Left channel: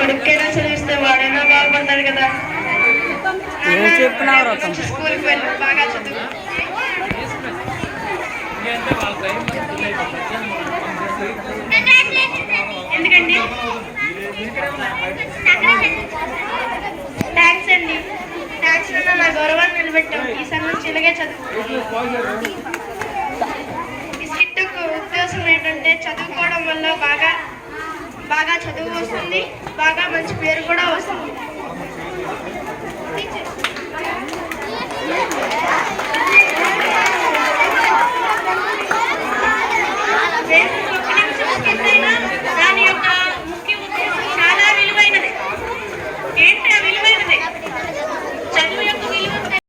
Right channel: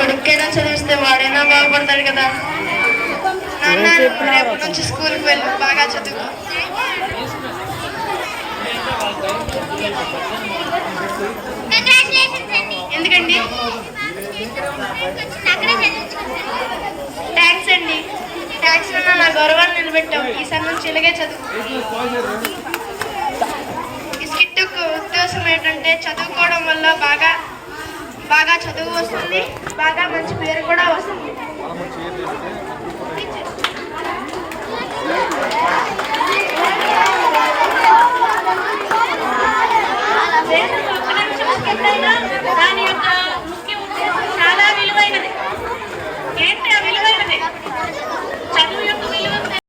కొడుకైనా చదివిస్తే వాడైనా బాగుపడతాడు కదా. మంచి స్కూల్కి వెళ్ళి బాగా చదువు. ఎందుకండి? థ్యాంక్స్ అండి. థ్యాంక్స్ అన్న, నా గౌరవాన్ని నిలబెట్టాం. ఈసారి నుంచి ఇలాగే చదువు. ఈ స్కిట్కు ఉద్దేశం ఏంటంటే చదువుకోవడం వల్ల బాగా చదువు వస్తుంది, బాగా మంచి పేరు కూడా వస్తుంది. అలాగే